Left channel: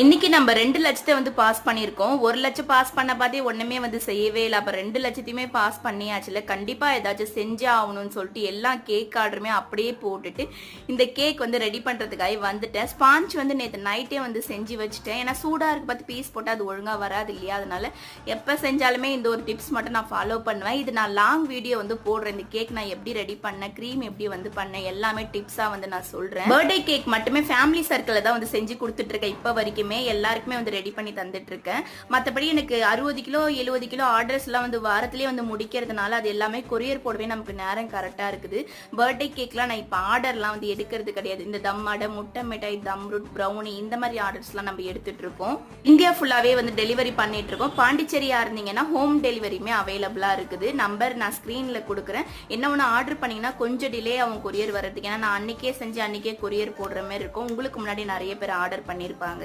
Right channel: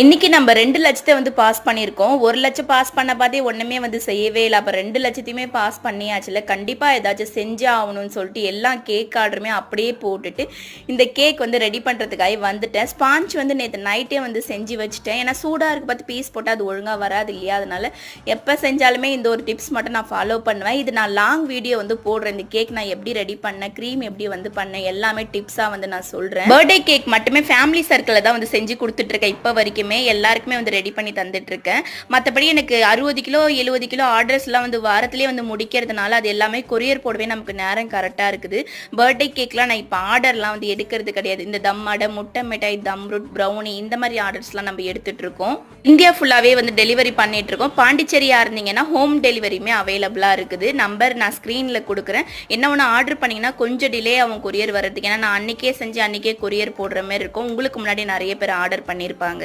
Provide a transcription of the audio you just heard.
இன்னைக்கு நம்ம 2 லட்சத்தை வந்து பாஸ் பண்ணியிருக்கோம். 1 லட்சம் பாஸ் பண்ண பார்த்தே ஒண்ணுமே வந்து செய்யவே இல்ல. அப்ப 2 லட்சத்தையுமே பாஸ் பண்ணியாச்சுல. கண்டிப்பா ஏதாச்சும் செஞ்சே ஆகணும்னு சொல்லிட்டு எல்லா கேக் ஆர்டருமே அப்படியே போட்டுட்டு இந்த கேக் வந்து ரெடி பண்றதுக்காக வந்துட்டேன். ஸ்பாஞ்ச் வந்து நேத்து நைட்டே வந்து செஞ்சு வச்சுட்டேன். ஏன்னா சூடா இருக்கு பார்த்து பீஸ் போட்டா அது ஒழுங்கா வராது இல்லையா? அதனால எப்ப செஞ்சாலுமே இந்த ஒரு டிப்ஸ் மட்டும் நான் ஃபாலோ பண்ணுவேன். இது நான் லாங் வீடியோ வந்து போடுறேன். இந்த கேக் நான் எப்படி ரெடி பண்ணேன், க்ரீம் எப்படி வந்து பண்ணேன், எல்லாமே டிப்ஸா வந்து நான் சொல்றேன். பர்த்டே கேக் மட்டுமே ஃபேமிலி சர்க்கிள்ல தான் வந்து செஞ்சு கொடுத்துட்டு இருக்கேன் இப்ப வரைக்கும். எல்லாருக்குமே வந்து ரெடி பண்ணி தந்துட்டு இருக்கேன். மற்றபடி எனக்கு 60 கிலோ 70 கிலோ ஆர்டர்ஸ்லாம் வந்து வாரத்திலே வந்து முடிக்கிறதுனால அது எல்லாமே கொரியர் போடவே நமக்கு நேரம் கரெக்டாக இருக்குது. பர்த்டே கேக்லாம் நான் இப்போ ஆர்டர்லாம் வந்து எடுக்கிறது கிடையாது. இந்த தம் அடை, முட்டை மிட்டாய், தம் ரூட், ப்ரௌனி இந்த மாதிரி ஆர்டர்ஸ்லாம் நம்ம எடுத்துட்டு இருக்கோம். இந்தியா ஃபுல்லாகவே வந்து டெலிவரி பண்ணிட்டு இருக்கோம். பாண்டிச்சேரியா இருந்தீங்கன்னா ஹோம் டெலிவரியுமே அவைலபிளாக இருக்குது. நம்பர் நான் ஸ்க்ரீனில் கொடுக்குறேன். என்ன ஒன்று ஆர்டர் பண்ணிங்கன்னா கொஞ்சம் டிலே ஆகும் கொரியர் வர்றதுக்கு. ஏன்னா நான் அன்றைக்கே செஞ்சு அன்றைக்கே கொரியர் போடுற மாதிரி இருக்கும். உங்களுக்கு முன்னாடி நிறைய பேர் ஆர்டர் பண்ணியிருப்பாங்க.